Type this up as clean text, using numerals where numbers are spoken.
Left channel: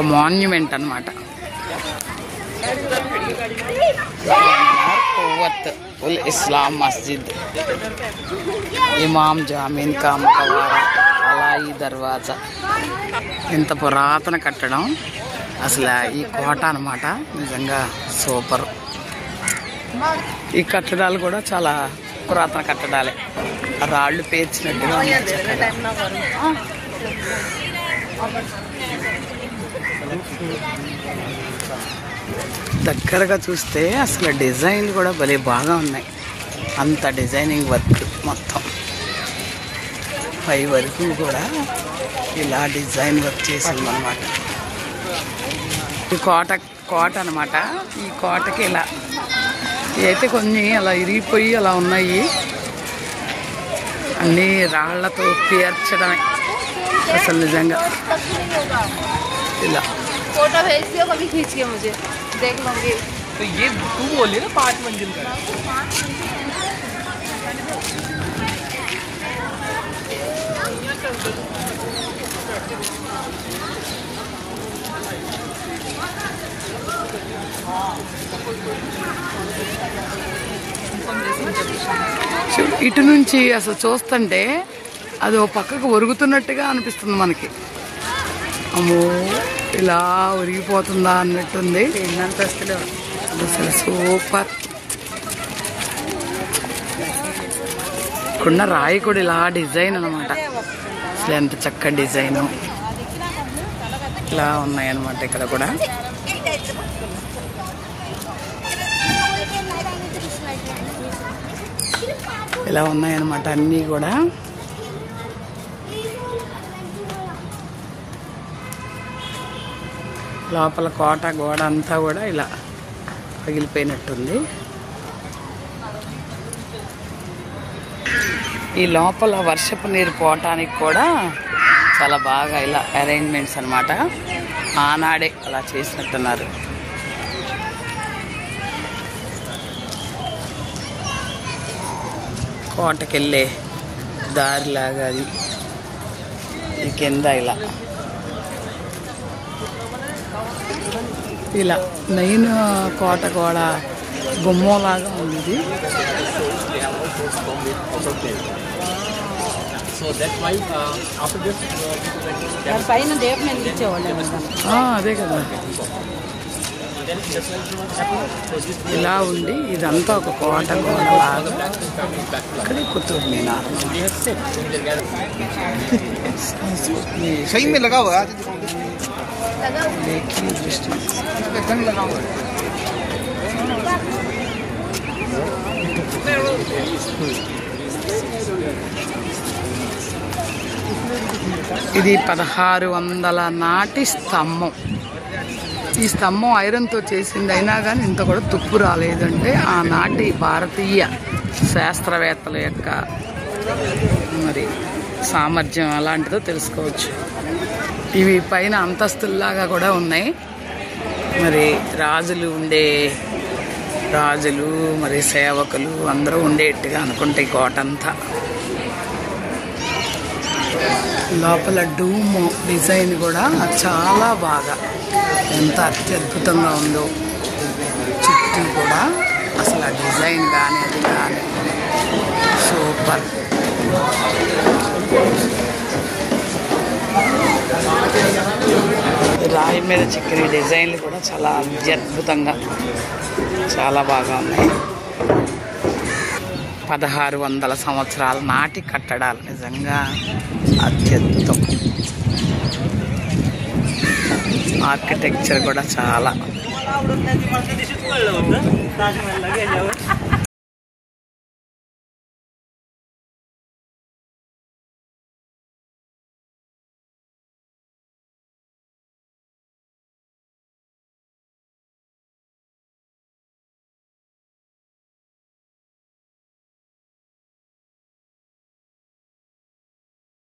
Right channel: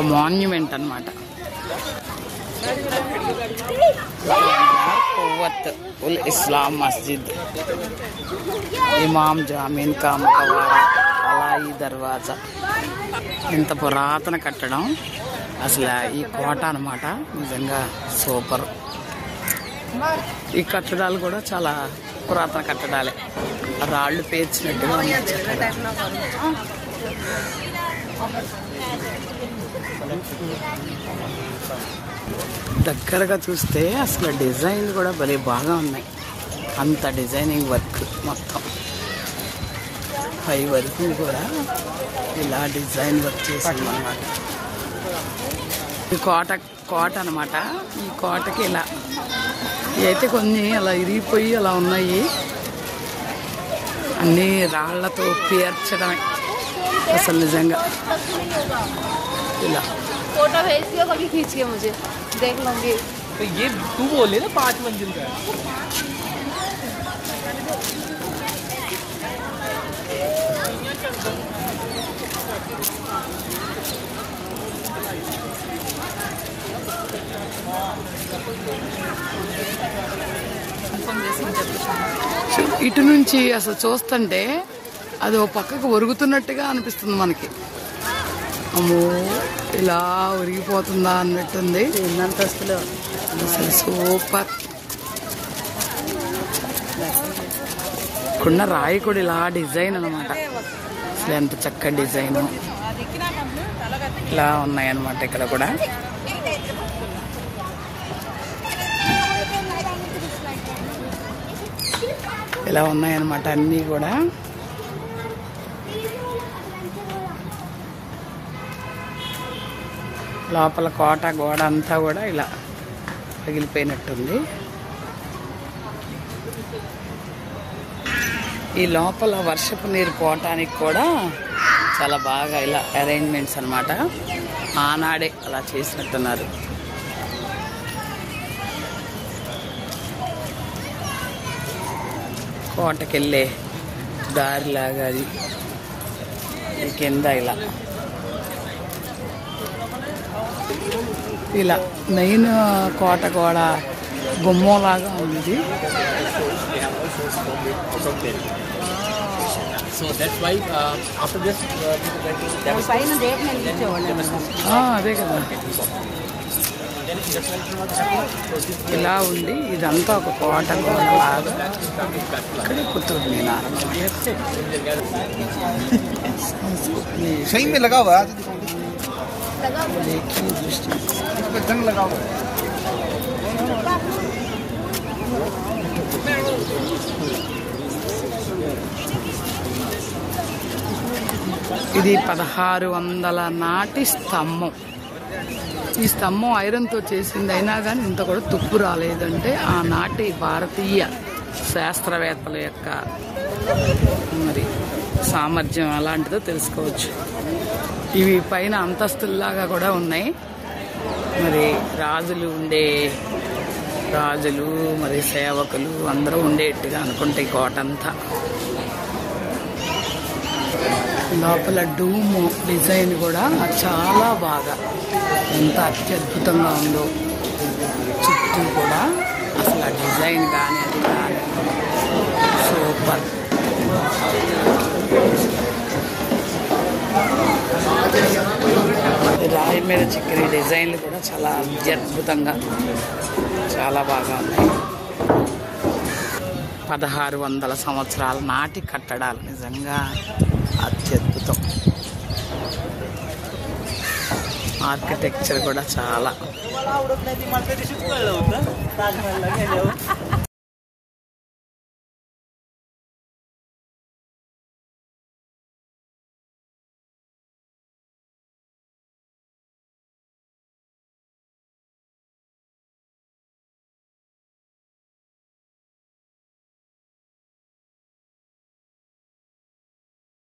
ఒక మాన్యుమెంట్ అన్నమాట. ఉల్ ఇస్లాం మస్జిద్, ఇమాం జామీన్ కా మకవారా, అలాయి దర్వాజా. ఇంత పురాతన కట్టడం అసలు ఈ కోట అన్నమాట. నిజంగా సూపర్. ఈ కట్టడాలు కూడా చాలా పురాతన కట్టడాలే. రాళ్ళు పేర్చినట్టుగా దగ్గరగా చూస్తే అసలు డిజైన్లు కూడా భలే బాగా ఉన్నాయి. అంత డిజైనింగ్ వర్క్ మొత్తం పై వరకు కూడా ఇలా డిజైన్ వర్క్ చేసాం అన్నమాట. ఈ కోట అన్నమాట. ఈ కోటకి ఇలా అయితే కొన్ని అలా ఇరిగిపోయి అలా ఉన్నాయి. అన్ని రాళ్లతో పేర్చడమే అసలు నిజంగా. ఇలా ఇటు నుంచి అసలు చూస్తుంటే అది ఓ పక్కకు ఒరుగుతున్నట్టుగా అనిపిస్తుంది మనకి. అమ్మో ఇలా ఒరిగిపోతుందా అన్నట్టుంది. అసలు సూపర్. కొండ రాయి కూడా ఇలా డిజైన్ అన్నమాట. అసలు ఎంత చక్కటి డిజైన్ ఇలా ఉన్నాయన్నమాట. ఇక్కడ కూడా ఇలా ఉన్నాయన్నమాట అన్నీ కూడా. లోపల కోట గోడ అంతా కూడా ఇలా పగిలిపోయినట్టుంది. ఈ లోపల వర్షపు నీరు పోవటానికి కూడా చాలా బాగా ఇలా అరేంజ్మెంట్స్ అన్నమాట. ఆనాడే అలా చేసినట్టున్నారు. కోటకెళ్ళే దారిలాగా అది కింద ఇలా మెయిన్ కోట కూడా గుమ్మంలాగా ఉంది. అదే కదా. ఇలా ఉంది. ఇదంతా ఒక కోట కూడా. కుతుబ్ మినార్ ఇది 1600 నాటి స్తంభం. ఈ స్తంభం ఐరన్తో చేసింది అయినా కానీ ఇంత కూడా తుప్పు రాలేదంటే ఆనాటి భారతీయ శాస్త్రవేత్తల యొక్క మరి సామర్థ్యం అలాంటిదో తెలుసుకోవచ్చు. ఇవి పైన అంతస్తుల్లాగా కూడా ఉన్నాయి. మరి రాజులు మరి సేవకులు అందరూ ఉండేట్టుగా అనుకుంటే ఈ కోట అంతా. లోపల డూమ్ డిజైన్ కూడా చాలా బాగా ఎంత అత్యద్భుతంగా ఉందో. చుట్టూ కూడా అసలు ఆ డిజైన్ కానీ సూపర్. రాయి మీద చెక్కిన డిజైన్లు కూడా చాలా అత్యద్భుతంగా చాలా బాగా ఉంది. 1600 సంవత్సరాల నాటి కట్టడాలు నిజంగా అత్యద్భుతం. ఆర్కిటెక్చర్ కూడా చాలా